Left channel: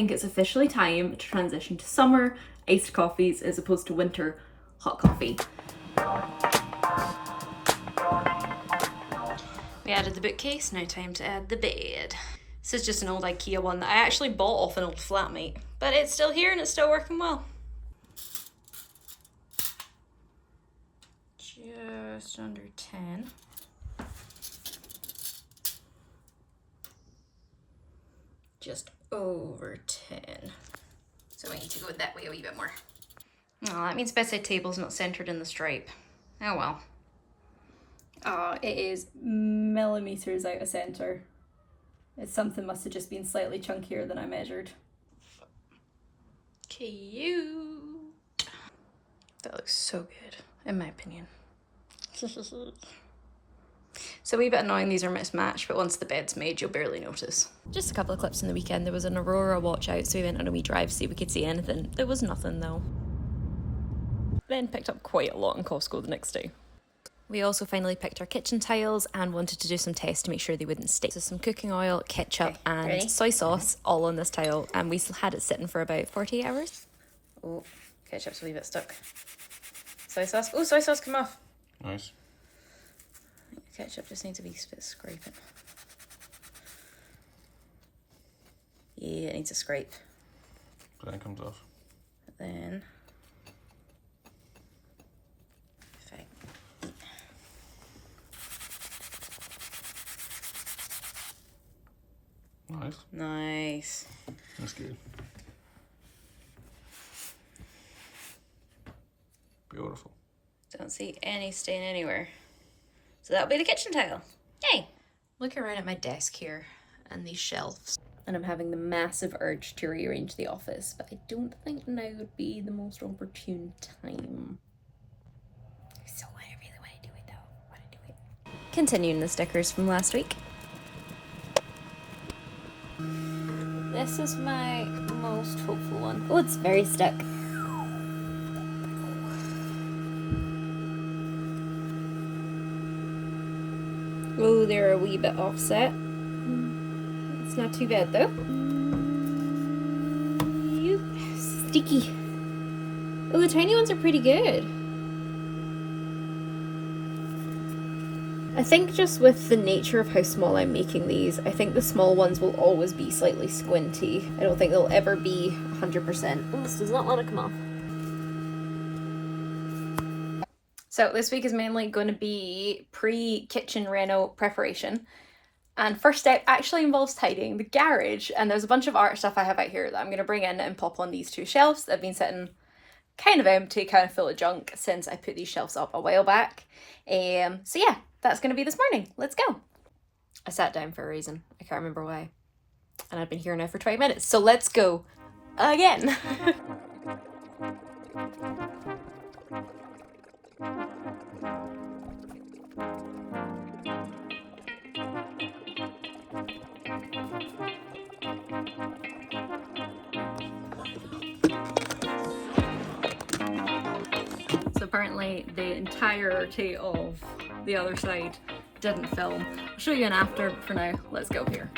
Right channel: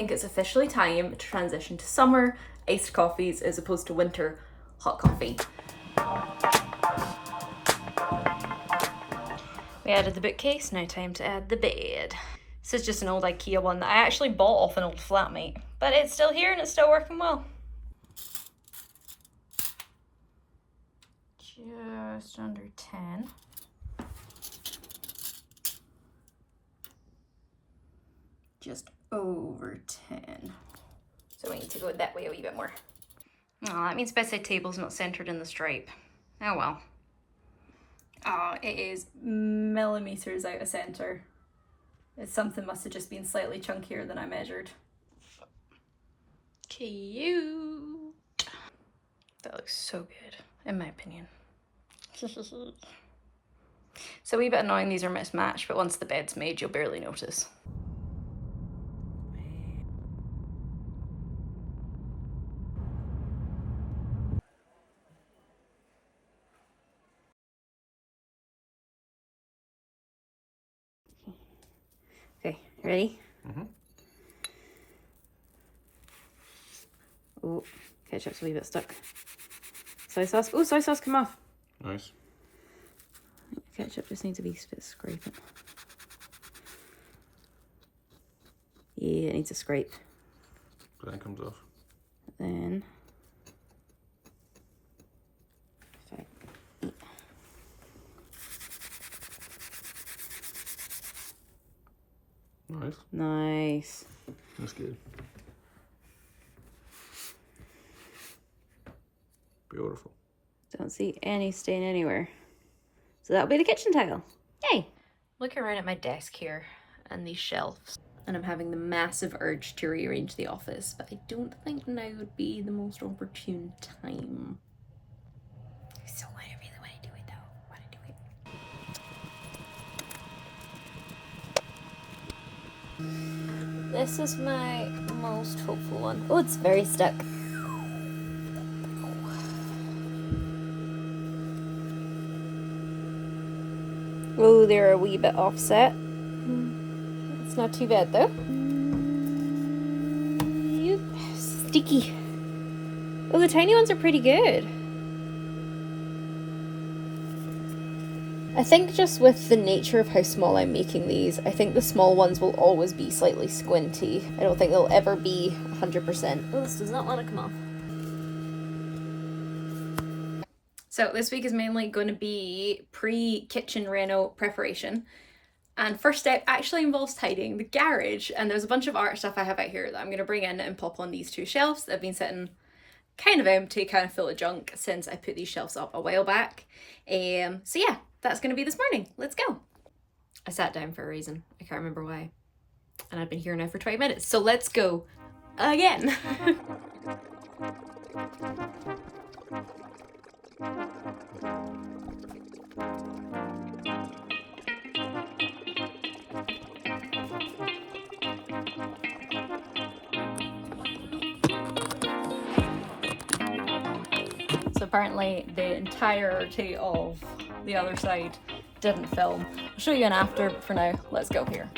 think it's officially time to transition to summer iced coffees as opposed to winter hot coffee. We added the bookcase, now time to add the bed. This is just an old IKEA one that I actually bought off an old flatmate, but it's still here and it's still working well. Just under 10. Just over 10. So we need to go that way a wee bit more. Oh, that means bedside table's not centered in the stripe. Oh well. Oh, it is millimeters out of center. Something must have just been slightly chunkier than I measured. Cute. That looks so good, in my opinion. So a wee bit annoying these are mismatched, but once the bed's made, you'll barely notice. Just a couple of clips in the weekend. There was an aurora watch out, so we went on a wee drive to see if we could see anything. There was nothing though. Then picked up quite a lot in Costco the next day. We also finally picked our kitchen tiles and wanted to do some tests to make sure they wouldn't stick. So some cooking oil, ketchup and soy sauce all on this tile, and we had it sitting for about 48 hours. Oh, ketchup's a wee bit stuck. Soy sauce, oh, soy sauce come off. Nice. Ketchup just needs a wee bit scraping. Yeah, it needs a scrape. Then it comes off. Then Nice. nice. That's good. Beautiful. Don't see any stain anywhere. So that'll be the kitchen tile. Yay! Looking around at my desk here and these shelves, and I'm having the massive urge to rearrange the office, but I don't think now would be the most opportune time. So I really want to do it though. Want to do it. Continuing the stickers from last week. This is my most hopeful one. Oh, it's very stuck. Oh, they're a wee bit offset. It's not too bad though. Sticky. Oh, the tiny ones are pretty good. I think just with the nature of how small I'm making these, I think the small ones will always be slightly squinty. I don't think they'll ever be 100%. Oh, this does not want to come off. So this week is mainly going to be pre-kitchen reno preparation. And first step actually involves tidying the garage. And there's a bunch of art stuff I have out here that I'm going to bring in and pop on these two shelves that have been sitting kind of empty, kind of full of junk since I put these shelves up a while back. So yeah. That's going to be this morning. Let's go. I sat down for a reason. I can't remember why. And I've been here now for 20 minutes. So let's go again. So apparently the entirety of the other side didn't film. I'll show you an after, but for now, let's go here.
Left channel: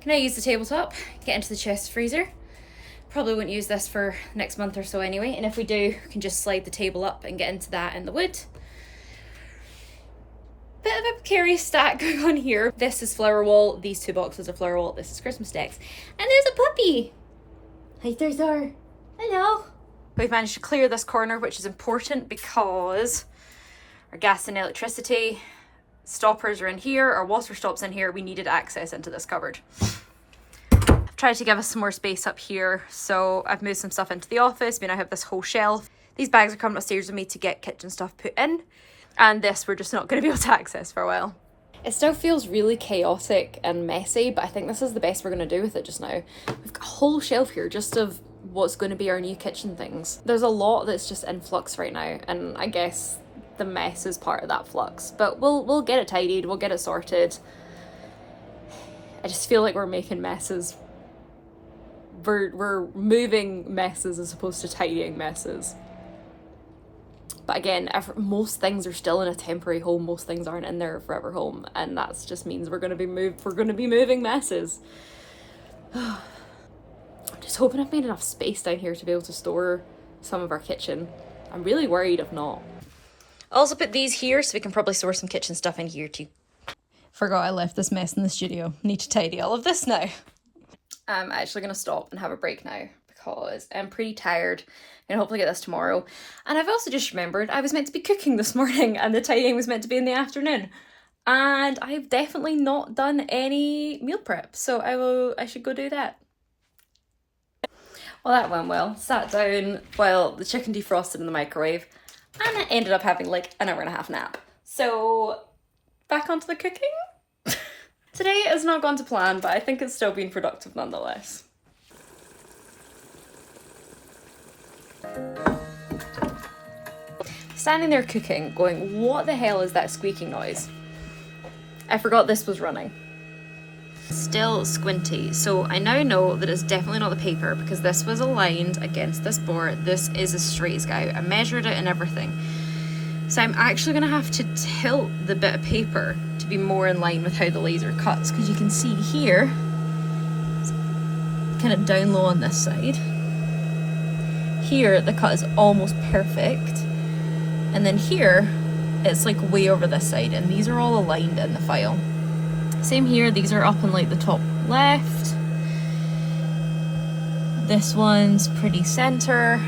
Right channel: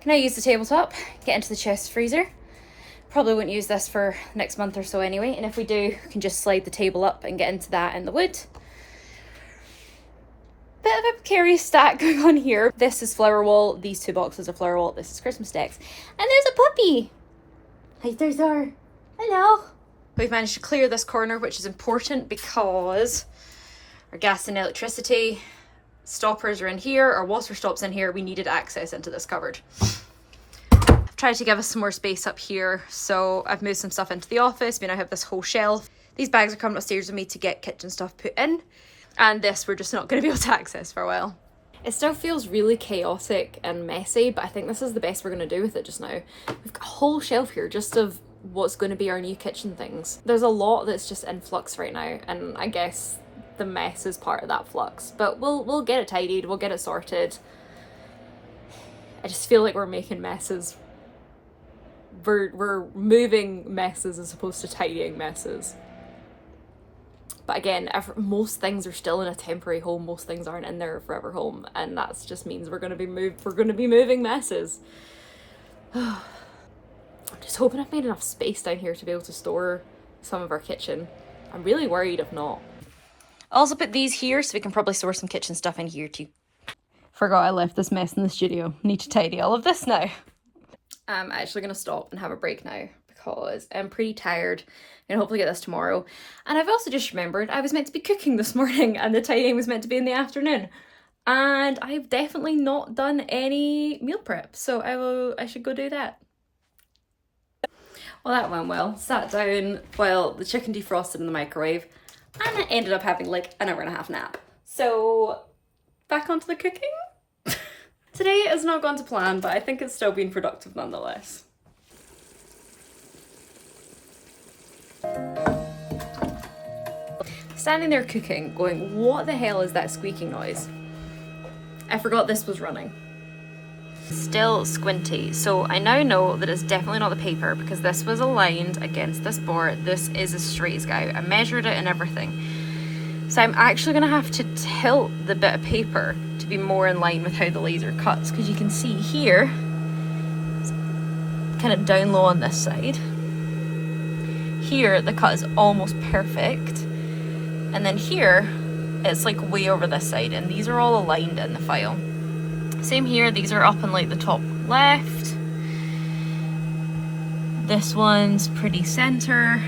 Can I use the tabletop, get into the chest freezer? Probably won't use this for next month or so anyway, and if we do, we can just slide the table up and get into that in the wood. Bit of a precarious stack going on here. This is flower wall, these two boxes of flower wall, this is Christmas decks. And there's a puppy! Hi, there's our... Hello! We've managed to clear this corner, which is important because our gas and electricity stoppers are in here, our water stops in here. We needed access into this cupboard. I've tried to give us some more space up here, so I've moved some stuff into the office. We now have this whole shelf. These bags are coming upstairs with me to get kitchen stuff put in, and this we're just not going to be able to access for a while. It still feels really chaotic and messy, but I think this is the best we're going to do with it just now. We've got a whole shelf here just of what's going to be our new kitchen things. There's a lot that's just in flux right now, and I guess the mess is part of that flux, but we'll get it tidied, we'll get it sorted. I just feel like we're making messes. We're moving messes as opposed to tidying messes. But again, most things are still in a temporary home. Most things aren't in their forever home, and that just means we're gonna be moving messes. I'm just hoping I've made enough space down here to be able to store some of our kitchen. I'm really worried if not. I also put these here so we can probably store some kitchen stuff in here too. Forgot I left this mess in the studio. Need to tidy all of this now. I'm actually gonna stop and have a break now because I'm pretty tired. I'm gonna hopefully get this tomorrow. And I've also just remembered I was meant to be cooking this morning and the tidying was meant to be in the afternoon. And I've definitely not done any meal prep, so I should go do that. Well, that went well. Sat down while the chicken defrosted in the microwave, and I ended up having like an hour and a half nap. So back onto the cooking. Today has not gone to plan, but I think it's still been productive nonetheless. Standing there cooking, going, what the hell is that squeaking noise? I forgot this was running. Still squinty, so I now know that it's definitely not the paper because this was aligned against this board. This is as straight as go. I measured it and everything. So I'm actually going to have to tilt the bit of paper to be more in line with how the laser cuts, because you can see here, it's kind of down low on this side. Here, the cut is almost perfect. And then here, it's like way over this side, and these are all aligned in the file. Same here, these are up in like the top left. This one's pretty center.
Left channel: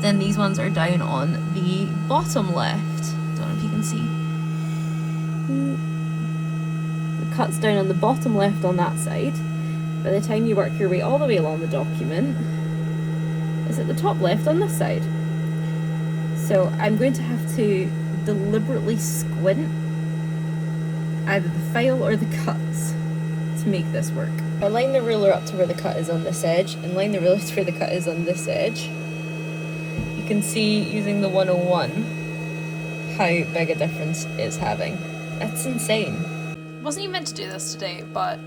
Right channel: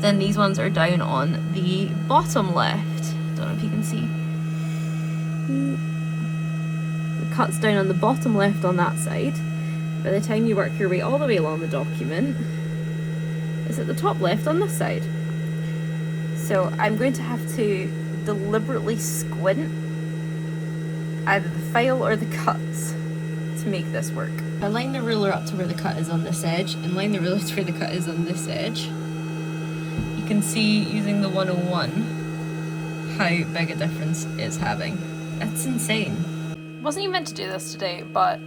Then these ones are down on the bottom left. Don't know if you can see. The cut's down on the bottom left on that side. By the time you work your way all the way along the document, it's at the top left on this side. So I'm going to have to deliberately squint either the file or the cuts to make this work. I line the ruler up to where the cut is on this edge and line the ruler to where the cut is on this edge. You can see using the 101 how big a difference it's having. That's insane. Wasn't even meant to do this today, but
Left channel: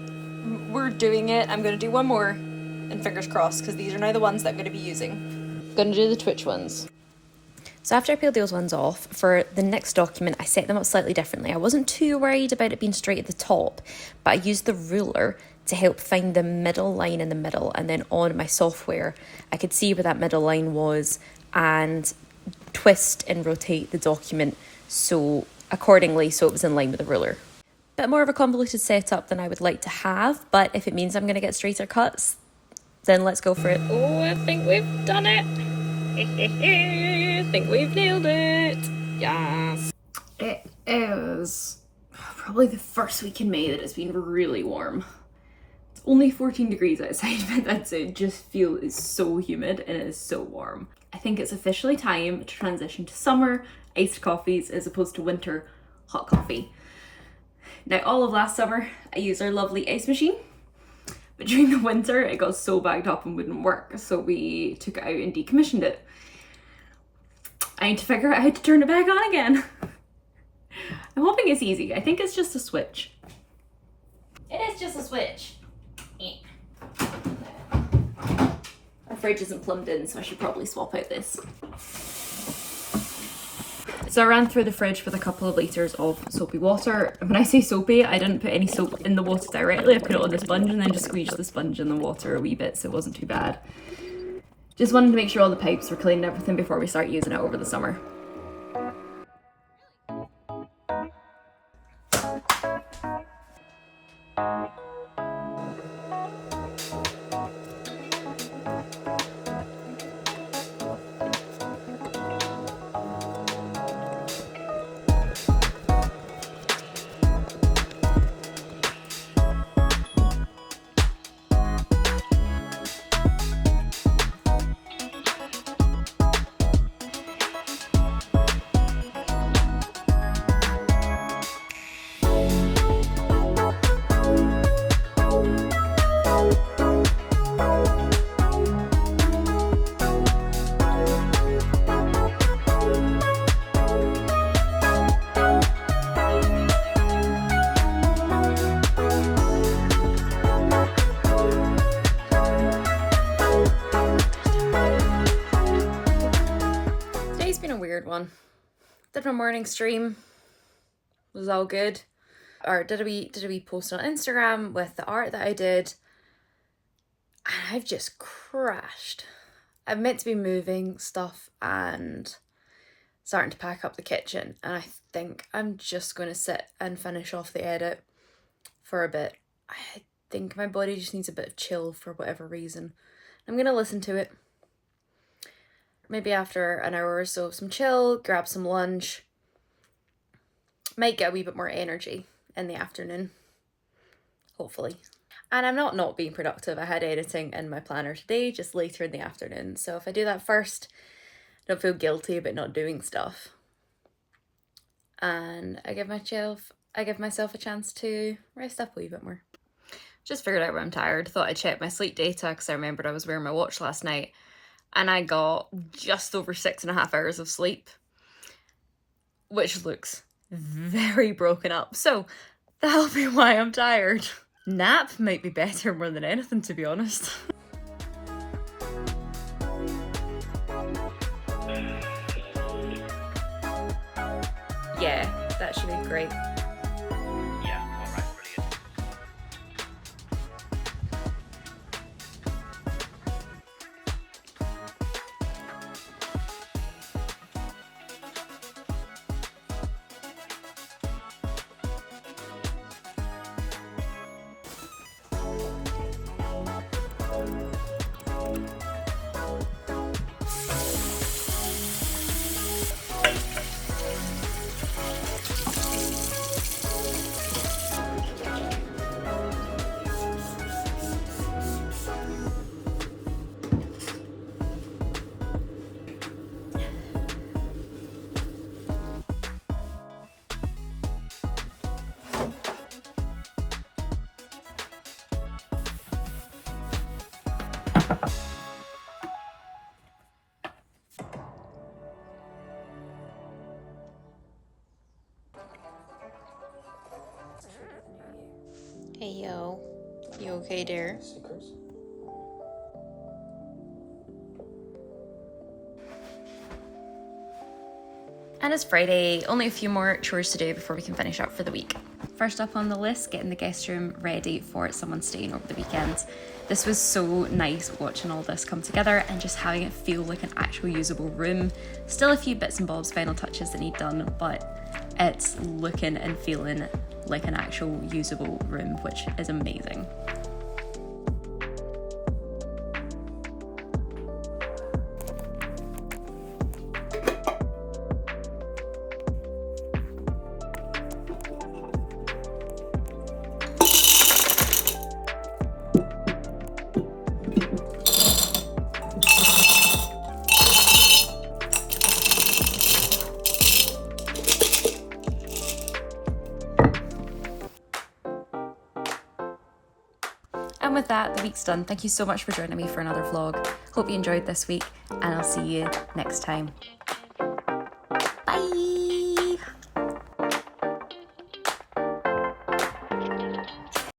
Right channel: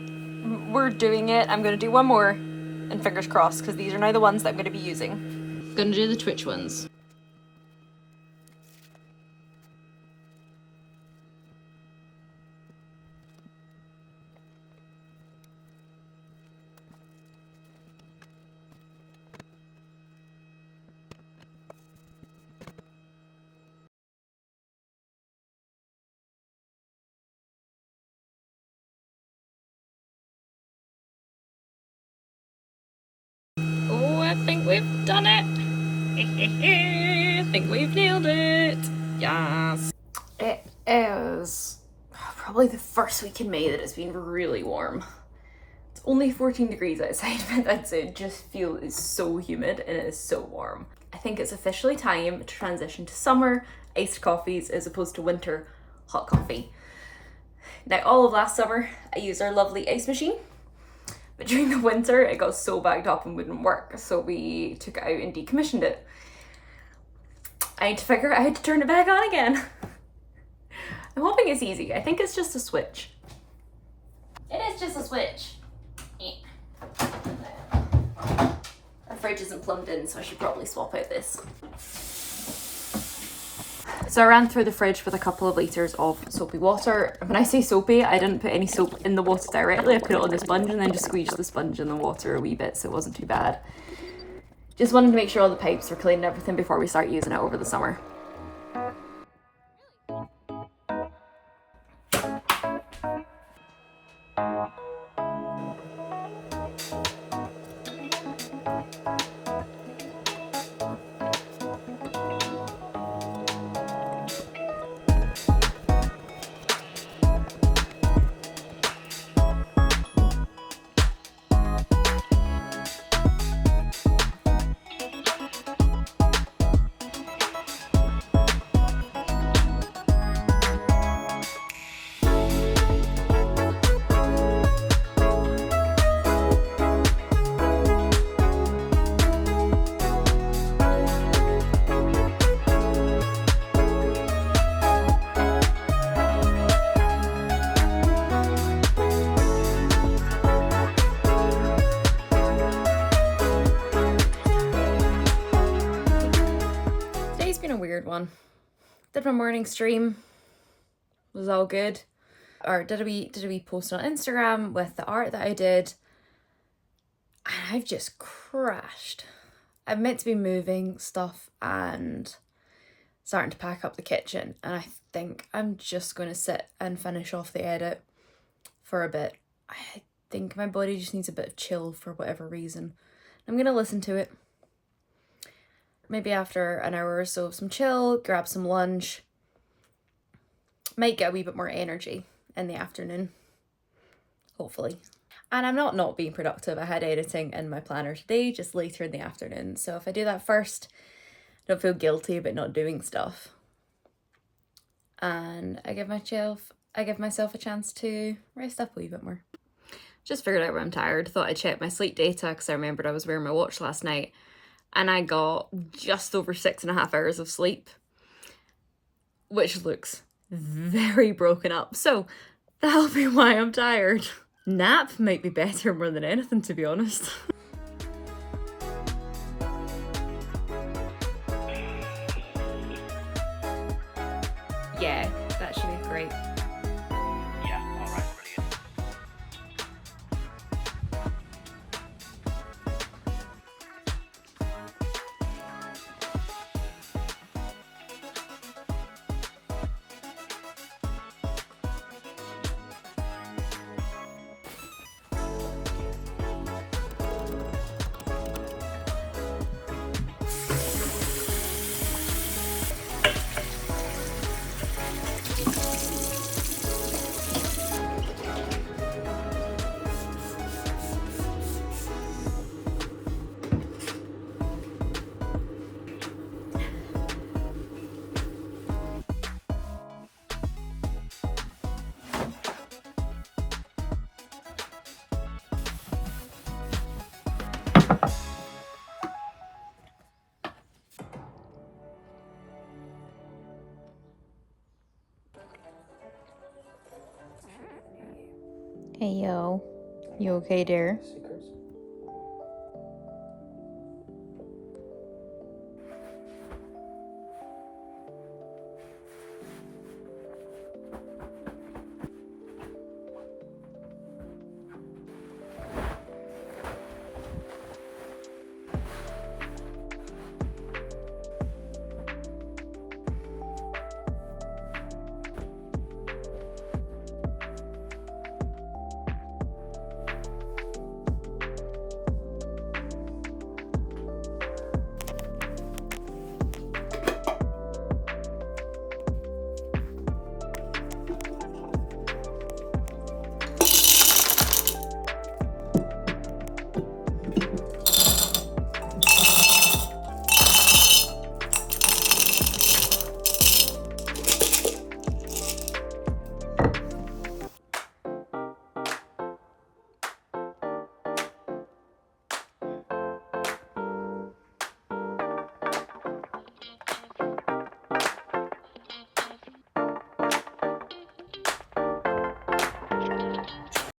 we're doing it. I'm going to do one more and fingers crossed, because these are now the ones that I'm going to be using. I'm going to do the Twitch ones. So after I peeled those ones off, for the next document, I set them up slightly differently. I wasn't too worried about it being straight at the top, but I used the ruler to help find the middle line in the middle, and then on my software, I could see where that middle line was and twist and rotate the document so accordingly so it was in line with the ruler. Bit more of a convoluted setup than I would like to have, but if it means I'm going to get straighter cuts, then let's go for it. Oh, I think we've done it. I think we've nailed it. Yes. It is probably the first week in May that it's been really warm. It's only 14 degrees outside, but that's it. Just feel it's so humid and it is so warm. I think it's officially time to transition to summer iced coffees as opposed to winter hot coffee. Now, all of last summer, I used our lovely ice machine, but during the winter, it got so bagged up and wouldn't work, so we took it out and decommissioned it. I need to figure out how to turn it back on again. I'm hoping it's easy. I think it's just a switch. It is just a switch. Our fridge isn't plumbed in, so I should probably swap out this. So I ran through the fridge with a couple of litres of soapy water. And when I say soapy, I didn't put any soap in the water directly. I put it on the sponge and then just squeezed the sponge in the water a wee bit, so it wasn't too bad. Just wanted to make sure all the pipes were clean and everything before we start using it over the summer. Did my morning stream. Was all good. Or did a wee post on Instagram with the art that I did. I've just crashed. I'm meant to be moving stuff and starting to pack up the kitchen, and I think I'm just going to sit and finish off the edit for a bit. I think my body just needs a bit of chill for whatever reason. I'm going to listen to it. Maybe after an hour or so of some chill, grab some lunch. Might get a wee bit more energy in the afternoon, hopefully. And I'm not being productive. I had editing in my planner today, just later in the afternoon. So if I do that first, I don't feel guilty about not doing stuff. And I give myself a chance to rest up a wee bit more. Just figured out when I'm tired. Thought I'd check my sleep data because I remembered I was wearing my watch last night. And I got just over 6.5 hours of sleep, which looks very broken up. So that'll be why I'm tired. Nap might be better more than anything, to be honest. Yeah, that should be great. Hey yo, you okay dear? And it's Friday, only a few more chores to do before we can finish up for the week. First up on the list, getting the guest room ready for someone staying over the weekend. This was so nice watching all this come together and just having it feel like an actual usable room. Still a few bits and bobs, final touches that need done, but it's looking and feeling like an actual usable room, which is amazing. And with that, the week's done. Thank you so much for joining me for another vlog. Hope you enjoyed this week, and I'll see you next time. Bye!